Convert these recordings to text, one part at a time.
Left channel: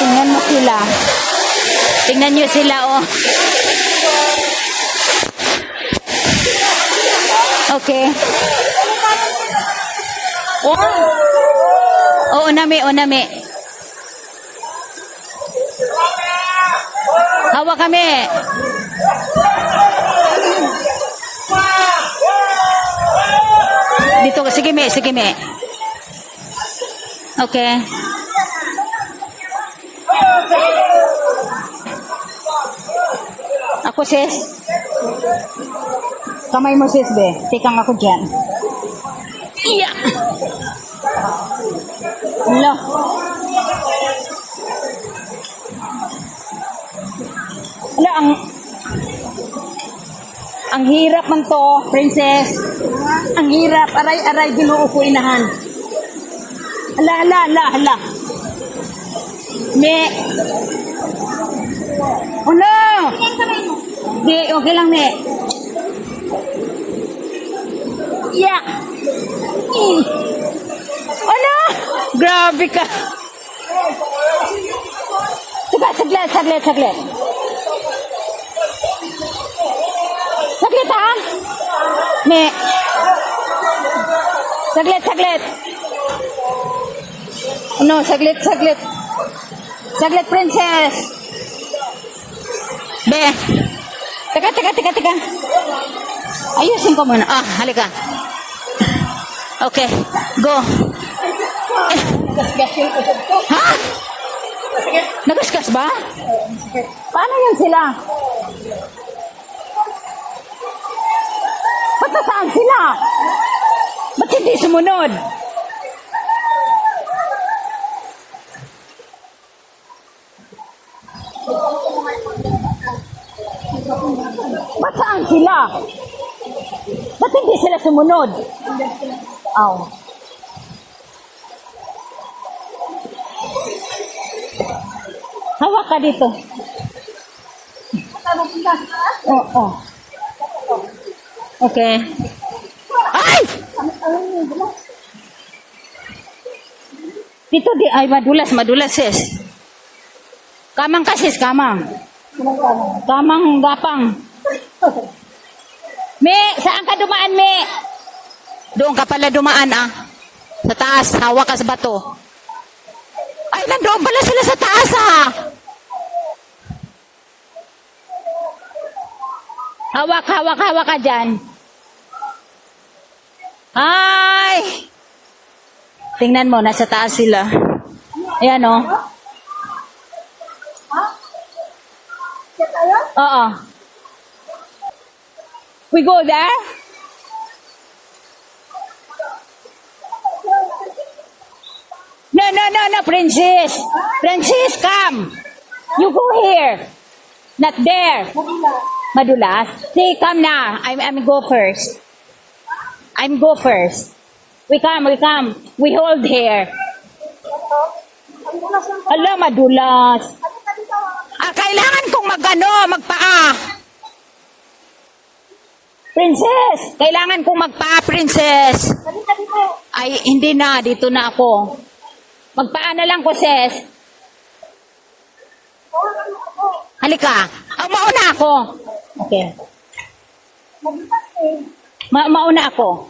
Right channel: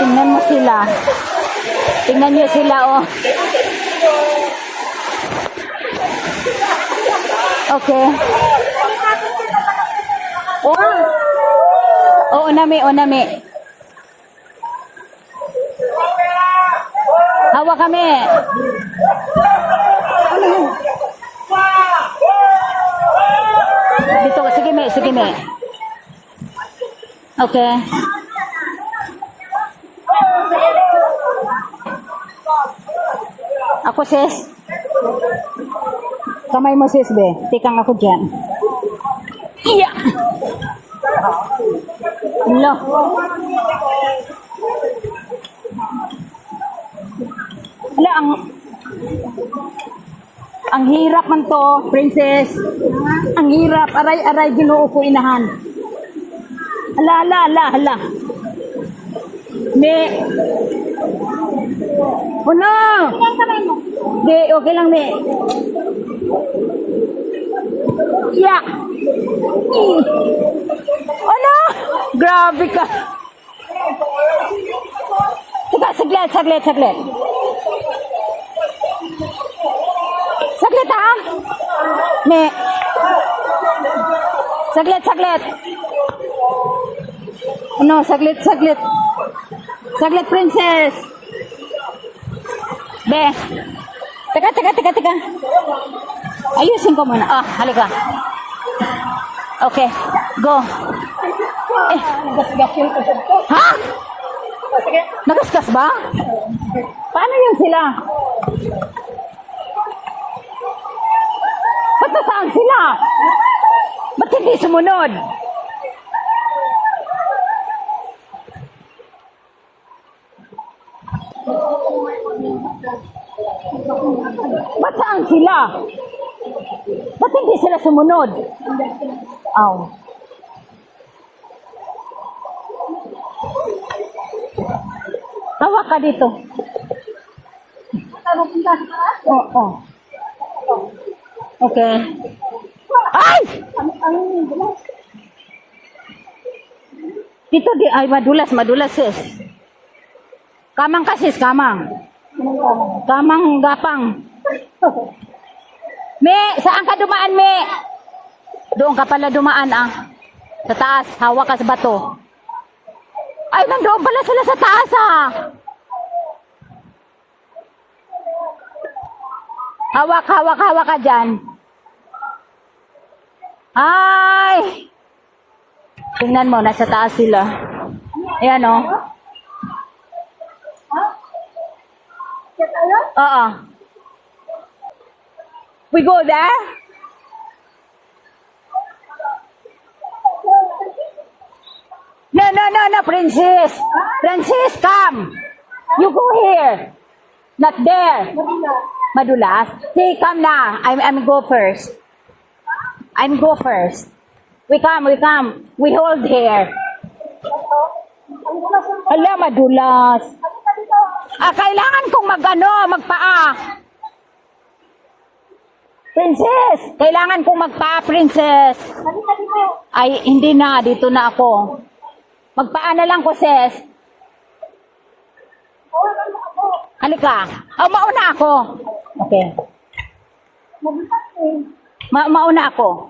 Tingnan mo sila. Tingnan nyo sila, oh. Okay. Oo, nami, o nami. Hawa kami. Dito, sige me, sige me. Okay. Ako sis. Kamay mo sis be. Tikang ako dyan. Iya. Hello. Wala, ang hirap man to, princess. Ang hirap. Aray, ginoo ko inahan. Ala. Me. Oh no! Di, okay lang, me. Yeah. Ano? Grabe ka. Saglit. Saglit ha? Me. Saglit. Ano, saglit. Saglit, princess. Be. Teka. Ayusin ko muna. Ah, halika. Okay, go. Ha? Nagasgas ba? Paano yun sila? Ba't nasaan sila? Ba't hindi sumunod? Ba't saan sila? Ba't hindi sila sumunod? Oh. Hawak ka dito. Oo. Okay. Ay! Dito di ay madulas sis. Kamang ka sis, kamang. Kamang gapang. Me, saan ka dumaan, me? Doon ka pala dumaan, ah. Sa taas, hawak ka sa bato. Ay, nandoon pala sila sa taas, ah. Hawak ka dyan. Ay! Tingnan mo, nasa taas sila. Ayan, oh. Oo. We go there? No, princess. Princess, come. You go here. Not there. Madulas. See, come now. I'm go first. We come. We hold here. Hala, madulas. Kailangan kong magpaa. Princess, kailangan kong magpaa, princess. Ay, hindi na. Dito na ako. Magpaa na lang ko, sis. Halika. Mauna ako. Okay. Mauna ako.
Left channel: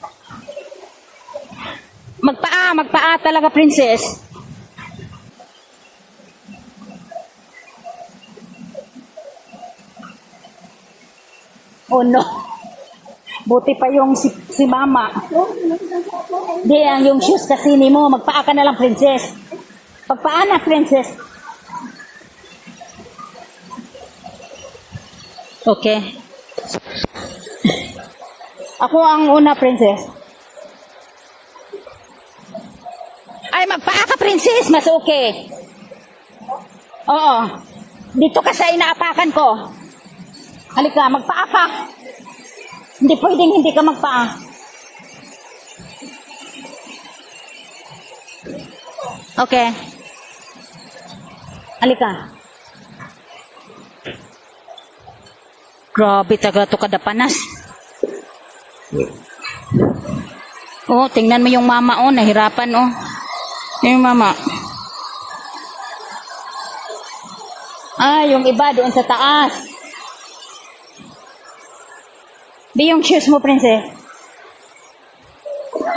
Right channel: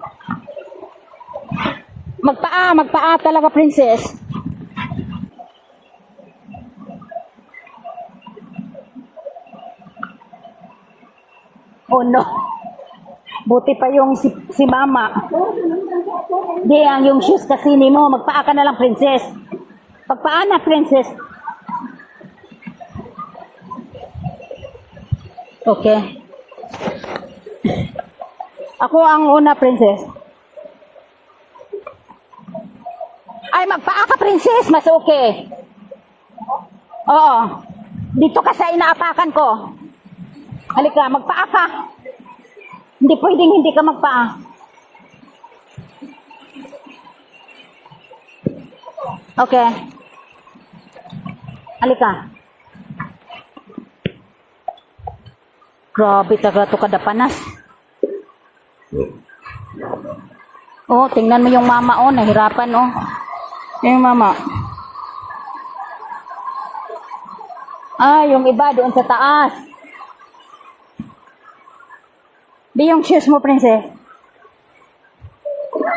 Magpaa talaga, princess. Oh no. Buti pa yung si mama. Di, yung shoes kasi ni mo. Magpaa ka na lang, princess. Pagpaa na, princess. Okay. Ako ang una, princess. Ay, magpaa ka, princess. Mas okay. Oo. Dito ka sa inaapakan ko. Halika, magpaa ka. Hindi pwedeng hindi ka magpaa. Okay. Halika. Grabe taga to kada panas. Oh, tingnan mo yung mama, oh, nahirapan, oh. Yung mama. Ah, yung iba doon sa taas. Di yung shoes mo, princess.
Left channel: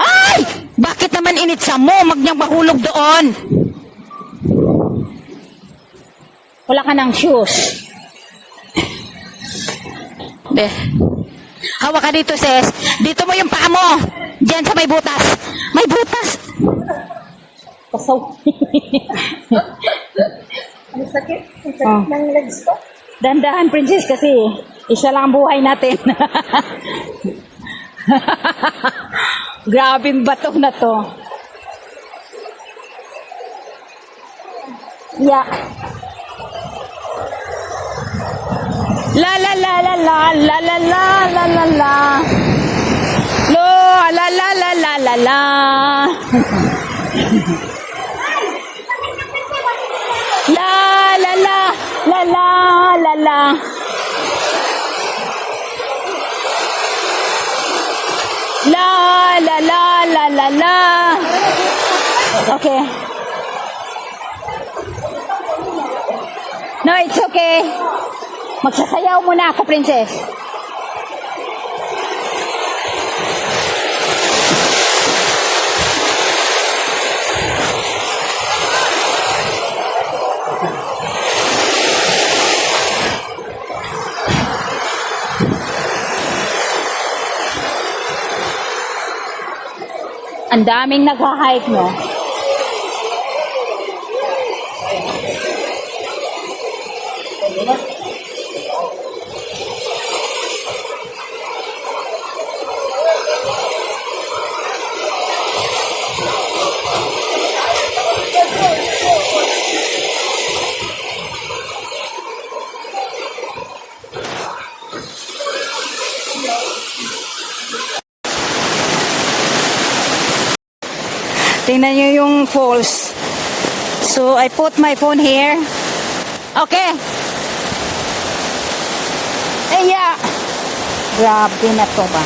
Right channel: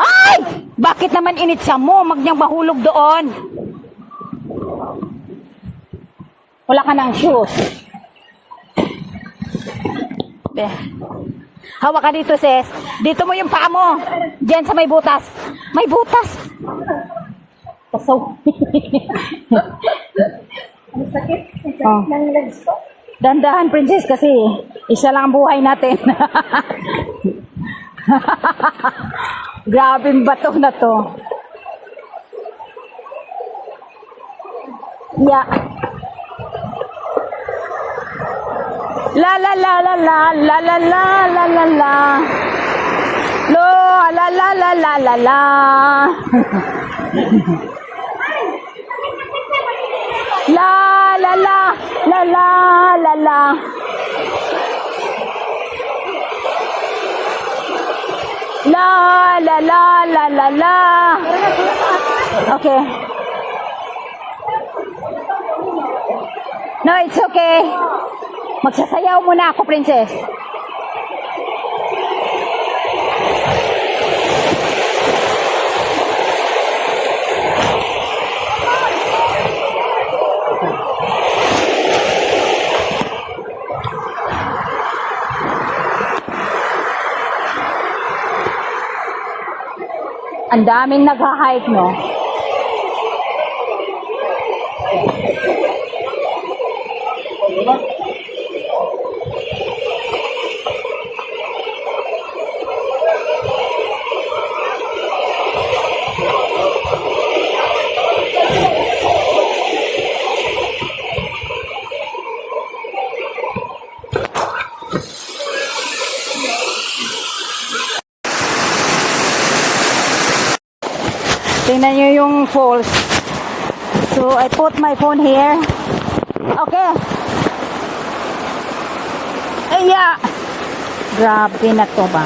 Ay! Bakit naman initsa mo? Mag niyang mahulog doon. Wala ka ng shoes. Be. Hawak ka dito, sis. Dito mo yung paa mo. Diyan sa may butas. May butas. Pasaw. Ang sakit. Ang sakit ng legs ko. Dandahan, princess, kasi isa lang ang buhay natin. Grabing bato na to. Yeah. La la la la la la la la la la la. Lo la la la la la la. La la la la la la la. La la la la la la. Okay. No, it's okay. Magsasayaw muna ako, princess. Ang daming nag-hike, no? Tingnan nyo yung falls. So, I put my phone here. Okay. Iya. Grabe na to ba?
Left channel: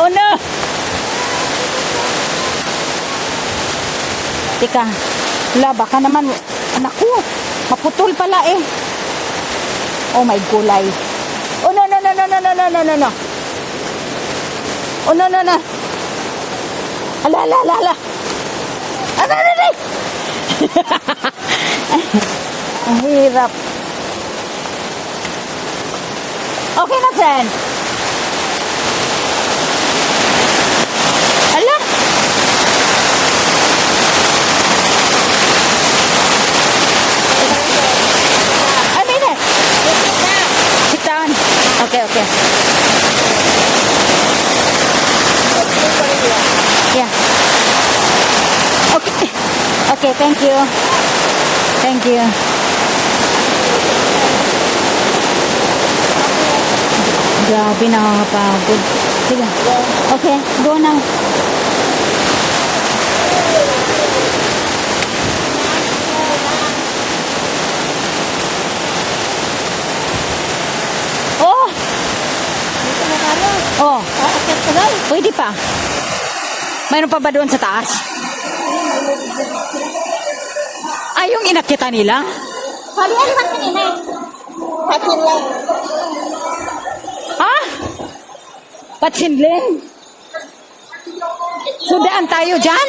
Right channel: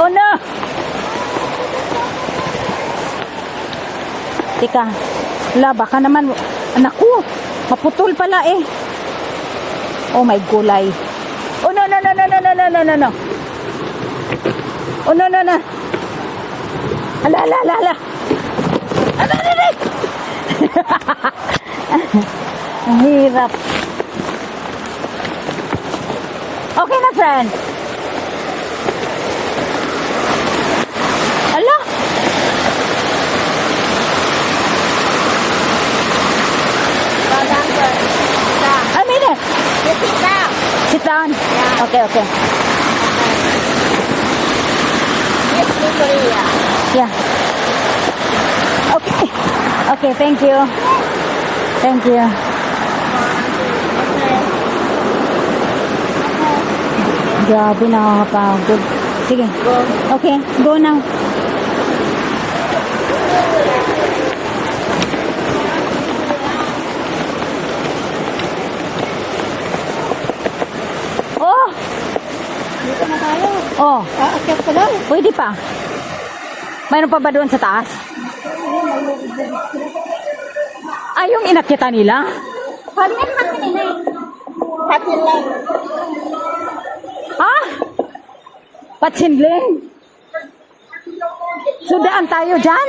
Oh no! Teka, wala, baka naman, naku, maputol pala eh. Oh my gulay. Oh no, no, no, no, no, no, no, no, no, no. Oh no, no, no. Ala, ala, ala, ala. Ala, ala, ala. Ang hirap. Okay na, friend. Ala. I mean it. Sit down. Sit down. Okay, okay. Yeah. Okay. Okay, thank you. Thank you. Grabe, nakakapagod. Sige. Okay, go now. Oh! Dito na tayo. Oh, Aakit ka lang. pwede pa. Mayroon pa ba doon sa taas? Ay, yung inakita nila? Pwede ano man kanina eh. Patsin lang. Ha? Patsinling? Sudaan tayo dyan?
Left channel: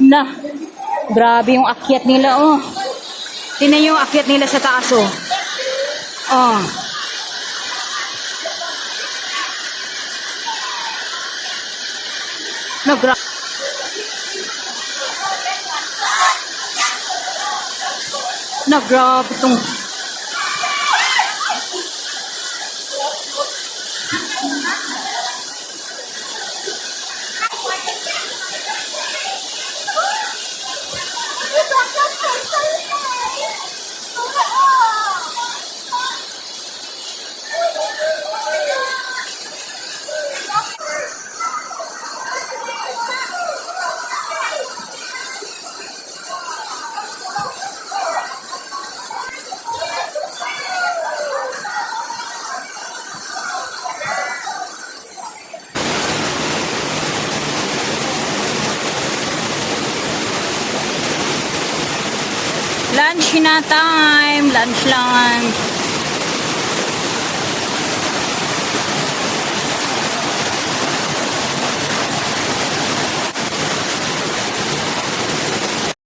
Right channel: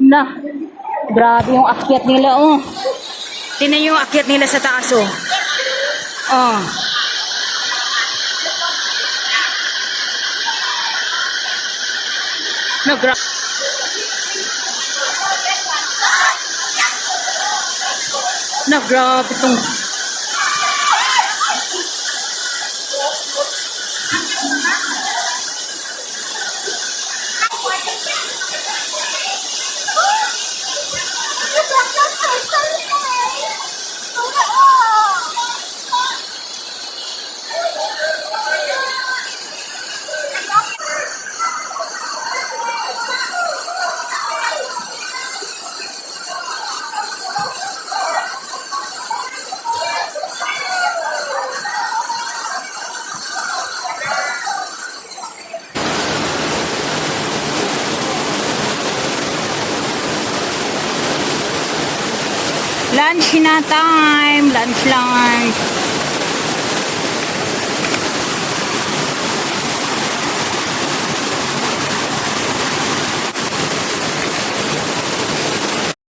Na, grabe yung akyat nila, oh. Tingnan yung akyat nila sa taas, oh. Oh. No, grabe. Na, grabe itong... Lunch na time. Lunch.